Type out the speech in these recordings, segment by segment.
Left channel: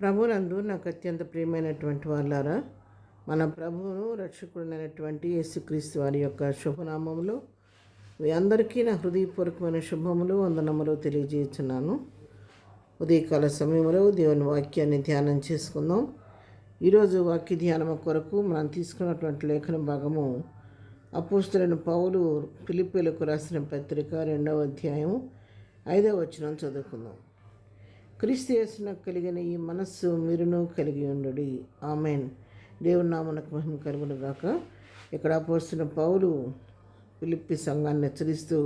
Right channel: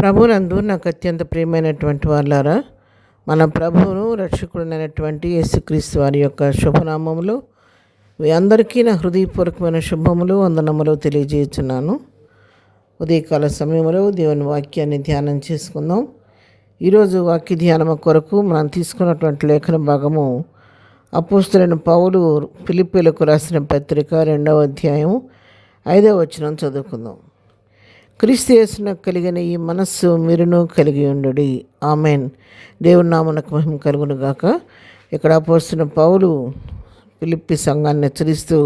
ప్రభునందు నాకు అత్యంత ప్రియమైనటువంటి వాళ్ళారా, మన ప్రభువును రక్షకుడైనటువంటి యేసుక్రీస్తు వారి యొక్క శుభనామములు మీ అందరికీ నా హృదయపూర్వకమైన శుభములు వందనములు తెలియజేస్తున్నాను. ఉదయకాల సమయంలో దేవుని వాక్యాన్ని ధ్యానం చేసుకుందాం. ఈరోజు వాక్య ధ్యానం కొరకు మనం తీసుకున్నటువంటి లేఖన భాగము అపోస్తలుడైన పౌలు ఫిలిప్పీలకు రాసిన పత్రిక 2వ అధ్యాయం 5వ వచనం చదువుకుందాం. క్రీస్తు యేసునకు కలిగిన ఈ మనస్సు మీరును కలిగి ఉండుడి. ఆమెన్. దేవుని నామమునకు మహిమ కలుగును గాక. ఇక్కడ అపోస్తలుడైన పౌలు ఫిలిప్పీ సంఘాన్ని హెచ్చరిస్తూ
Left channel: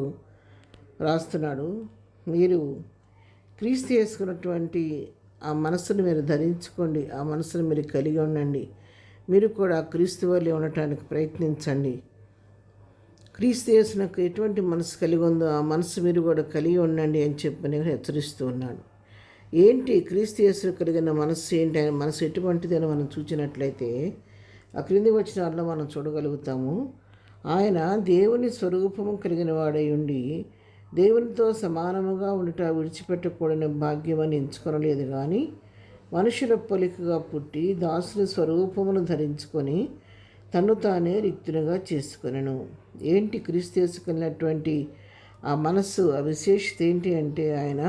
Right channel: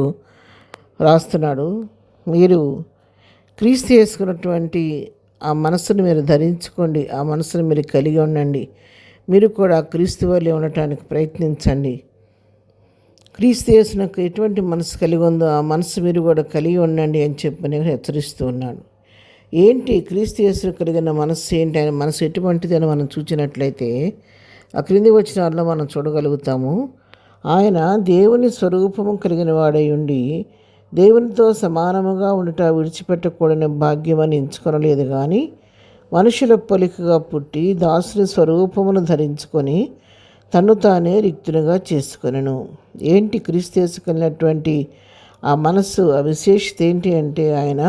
రాస్తున్నాడు. మీరు క్రీస్తు చేసుకున్నటువంటి ఆ మనస్సును మీరు ధరించుకోండి, ఆ మనస్సును మీరు కలిగి ఉండండి. మీరు కూడా క్రీస్తు వల్లే ఉండటానికి ప్రయత్నించండి. క్రీస్తు యేసునకు ఎటువంటి మనసు కలిగి ఉందో ఆ మనసు మీరు కూడా కలిగి ఉండండి అని చెప్పి నేను హెచ్చరిస్తూ ఉన్నాను. ఏంటి క్రీస్తు యేసుకు కలిగిన మనస్సు ఏంటి, ఆయన మనసు ఎటువంటిది అని మనం చూసినట్లయితే ఆ క్రింది వచనాల్లో మనం చూడగలుగుతాము. ఆయన దేవుని స్వరూపము కలిగిన వాడై ఉండి దేవునితో సమానముగా ఉండుట విడిచిపెట్టకూడని భాగ్యమని ఎంచుకొనలేదు, కానీ మనుషుల పోలికగా పుట్టి దాసుని స్వరూపమును ధరించుకొని తను తానే రిక్తునిగా చేసుకొనెను. ఏంటి క్రీస్తు యేసుకు కలిగినటువంటి ఆ మనస్సు, ఆ విశేషత ఏంటి అంటే ఆయన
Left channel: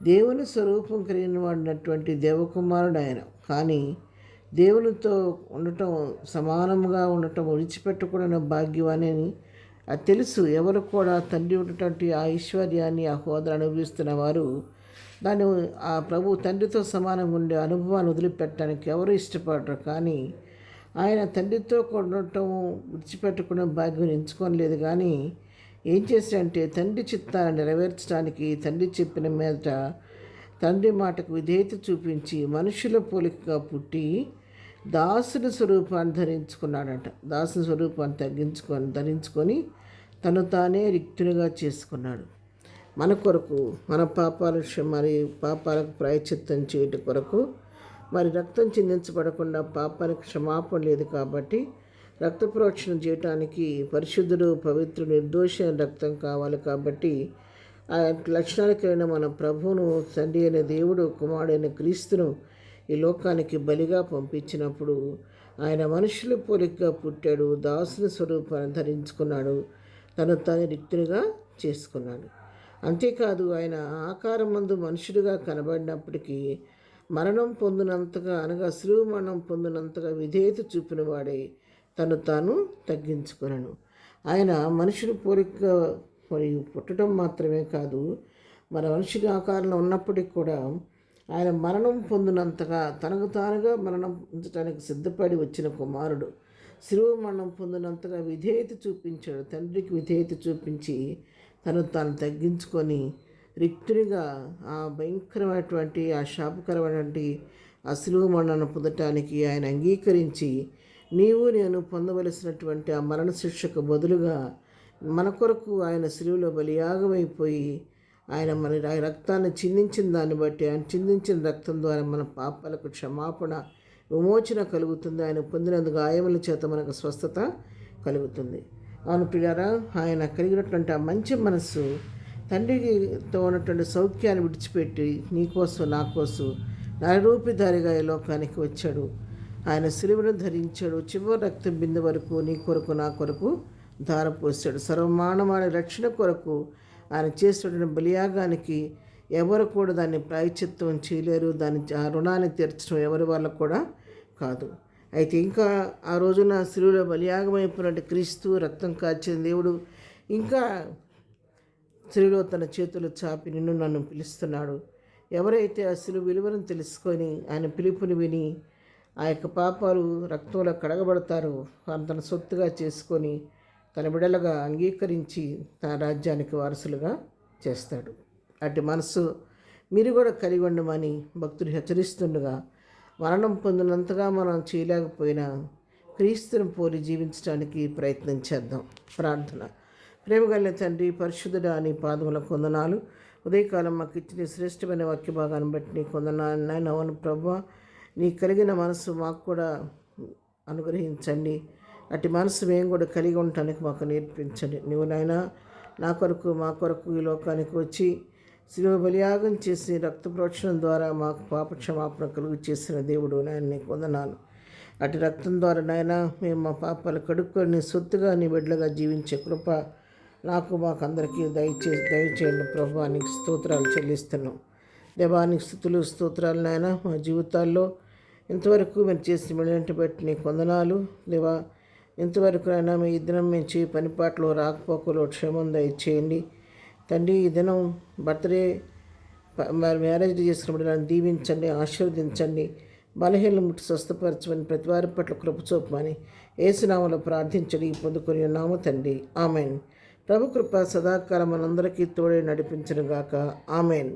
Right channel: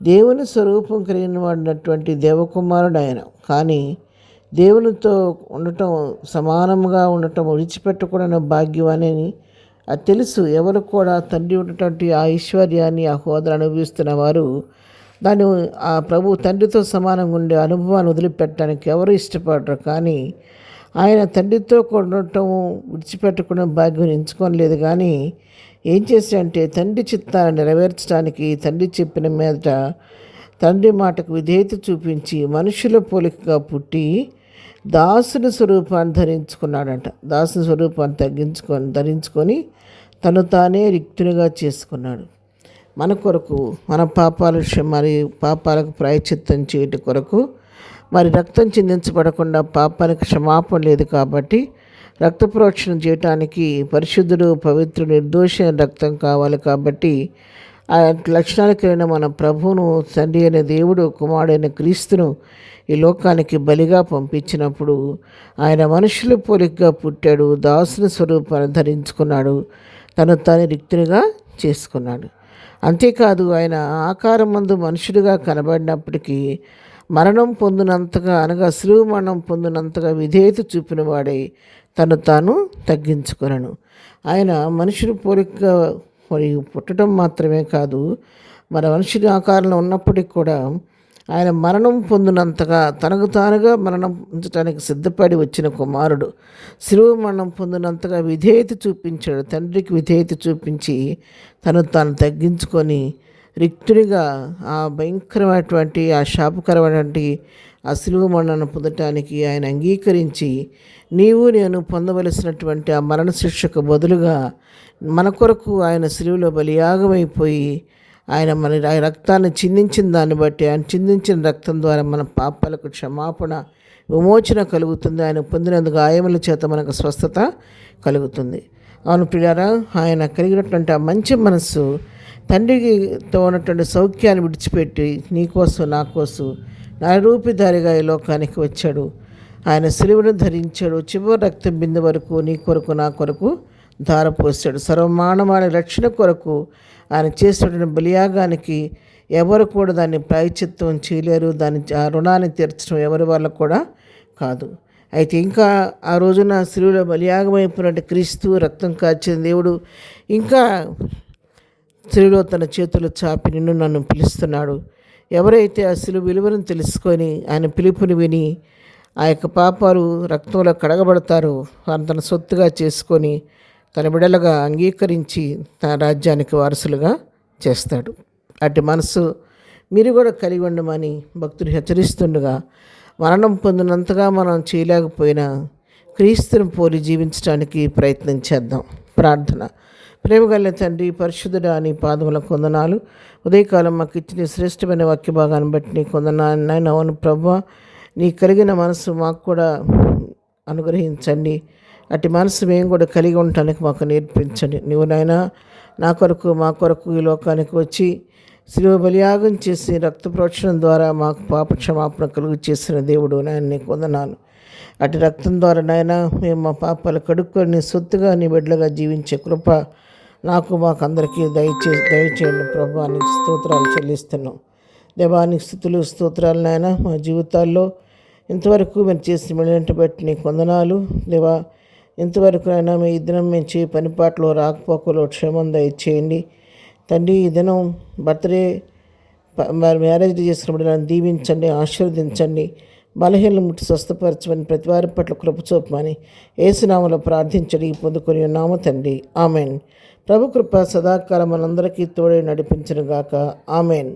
దేవుని స్వరూపం కలిగిన వాడినటువంటి దేవకుమారుడు ఆయన. కానీ దేవునితో ఉండటం, సమానంగా ఉండటం విడిచిపెట్టకూడని భాగ్యం అని అది తెలుసు. ఎవరు కూడా తండ్రి ఉన్నటువంటి ఆ ఐశ్వర్యాన్ని, ఆ హోదాను అనుభవిస్తున్న వారు దాన్ని ఆ ప్రభు తండ్రితో సమానంగా ఉండే అనుభవాన్ని వదిలిపెట్టడానికి ఎవరు ఇష్టపడరు. కానీ ఆయన తండ్రితో ఉండటం విడిచిపెట్టకుండా భాగ్యం ఎంచుకోలేదు. కానీ ఏం చేశాడంటే తండ్రి చిత్తాన్ని నెరవేర్చడానికి తండ్రి చెప్పిన మీద తండ్రి మాటకు విధేయత చూపించి మనుషుల పోలికగా పుట్టి దాసుని స్వరూపాన్ని ధరించుకున్నాడంట. దాసుని స్వరూపాన్ని ధరించుకొని తను తానే రిక్తునిగా చేసుకున్నాడు. మన కొరకు, మన పాపాలకు ప్రాయశ్చిత్తం చేయటం కొరకు, మరి రక్తం చిందించబడకుండా పాపానికి క్షమాపణ లేదు కాబట్టి రక్త ప్రోక్షణ చేయటానికి పరిశుద్ధుడు, పవిత్రుడు, నిర్దోష రక్తం కావాలి. కాబట్టి ఆ లక్షణాలకైన మన ప్రభువును, తండ్రి అయిన దేవుడు, కుమారుడైన క్రీస్తును ఈ లోకానికి బలిగా పంపించినప్పుడు ఆయన మనుషుల పోలికగా పుట్టాడు, దాసుని స్వరూపాన్ని ధరించుకున్నాడు, తను తాను రిక్తునిగా చేసుకున్నాడు. అంతేకాదు ఆయన ఆకారం మందు మనుషుడిగా కనబడినప్పటికీ మరణం పొందినంతగా, అనగా శిలువ మరణం పొందినంతగా విధేయత చూపిన వాడై తను తాను తగ్గించుకొనను. ఆయన మనుషుని పోలికగా మరి పుట్టడం మాత్రమే కాదు, మన మనుషుని ఆకారంలో ఉన్నప్పటికీ కూడా ఆయన మరణం పొందినంతగా, తనకు తానుగా మరణం పొందటానికి సిద్ధపడి వచ్చిన కుమారుడు శిలువ మరణం పొందినంతగా విధేయత చూపించాడు. తండ్రికి విధేయత చూపించి తను తాను తగ్గించుకొని రిక్తునిగా ఆ భయంకరమైనటువంటి, ఆ శాపకరమైనటువంటి ఆ శిలువ మరణాన్ని పొందటానికి ఆయన అంగీకరించి నీవు నేను పొందవలసినటువంటి ఆ మరణ శిక్షకు బదులుగా మన కొరకు ఆయన శిలువలో బలియాగమైపోయి ఆయన మన రక్తాన్ని చిందించిన దాన్ని బట్టి, ఆయన చిందించిన రక్తం ద్వారా మన పాపాలకు క్షమాపణ, విమోచన కలుగుతుంది. ఆయన పొందినందుకు గాయముల చేత మనకు స్వస్థత కలుగుతుంది. అవును ప్రియారా, ఆయన కలిగినటువంటి ఆ మంచి మనస్సు తండ్రితో ఉన్నటువంటి సౌఖ్యాన్ని విడిచిపెట్టి నీకోసం, నా కోసం నరరూపిధారిగా ఈ లోకానికి వచ్చాడు. ఆయన శిలువను ధరించాడు. చివరి రక్తం బిందు వరకు నీ కొరకు, నా కొరకు ధారపోసాడు. సర్వమానవాళి రక్షణ కొరకు ఆయన చేసినటువంటి బలియాగానికి ఎవరు కూడా దాన్ని ప్రాయశ్చిత్తం చేయలేరు. ఆ రుణాన్ని తీర్చడం ఎవరి వల్ల కూడా కాదు. అయితే ఇంకా ఆ రోజున శిలువలో బలియాగమైపోయినట్టు క్రీస్తు, రక్తం కాచిన దేవుడు ఇంకా శిలువలో తన చేతులు చాపి నిన్ను నన్ను పిలుస్తున్నాడు. ఎవరైతే ఆ శిలువ విలువను తెలుసుకొని ఆయన పిలుపుని విని ఆ యొక్క పాపాలు రక్తంలో కడగబడతారో తన సొత్తుగా చేసుకొని తన బిడలుగా అంగీకరించి తన రాజ్యానికి వారసులుగా చేస్తాడు. అటు మనసు మీరు కూడా కలిగి ఉండమని భక్తుడు హెచ్చరిస్తుండగా, మరణం పొందినంతగా మనం చేయలేకపోయినా క్రీస్తుని పోలి జీవించడానికి ప్రయత్నం చేద్దాం. ప్రార్థన. ప్రేమగల తండ్రి, పరిశుద్ధుడా, నీ పాదములకు వందనాలు. ఉదయకాలం మాకు ఇచ్చిన శ్రేష్టమైన వాక్య భాగాన్ని బట్టి నీకు వందనాలు. అవును ప్రభువా, నీ కలిగిన మనసు మాకు కూడా అనుగ్రహించండి. అటు మనసు మేము కూడా కలిగి ఉండటానికి మాకు నేర్పించండి. నువ్వు నాయనా నా కొరకు, మా కొరకు ఈ లోకానికి వచ్చి శిలువ బలియాగం చేసి రక్త ప్రోక్షణం ద్వారా మాకు పాప క్షమాపణ కలుగు చేసిన దేవుడు నాయన నీకు వందనాలు. అటు రక్తం ద్వారా నాయన మేము మా పాపాలు కడుక్కొని సొత్తుగా నీ బిడ్డలుగా జీవించే కృప మాకు అందరికీ దయచేయండి ప్రభా. నీకు స్తోత్రాలు చెల్లిస్తున్నాం. దేవానికి స్తుతులు స్తోత్రాలు నాయన. మా జీవితాల్లో ఇంతవరకు మేము చేసిన మెళ్ళంటి బట్టి నీకు వందనాలు దేవా. ఇంతవరకు అయినా మీ దినం మేము చేయ పనిపాట్లో రాకపోకలో క్షేమం దయచేయండి తండ్రి. ఈ దినం బర్త్డే మ్యారేజ్ చేసిన బిడ్డలను దీవించండి, ఆశీర్వదించండి. బలహీనలు ముట్టి స్వస్థపరచమని ప్రతి వారి పట్ల కృప చూపమని యేసునామములో ప్రార్థించడి పొందుకొని ఉన్నాము తండ్రి. ఆమెన్. ప్రభు కృప సదాకాలం మనందరికీ తోడే నడిపించును గాక. ఆమెన్.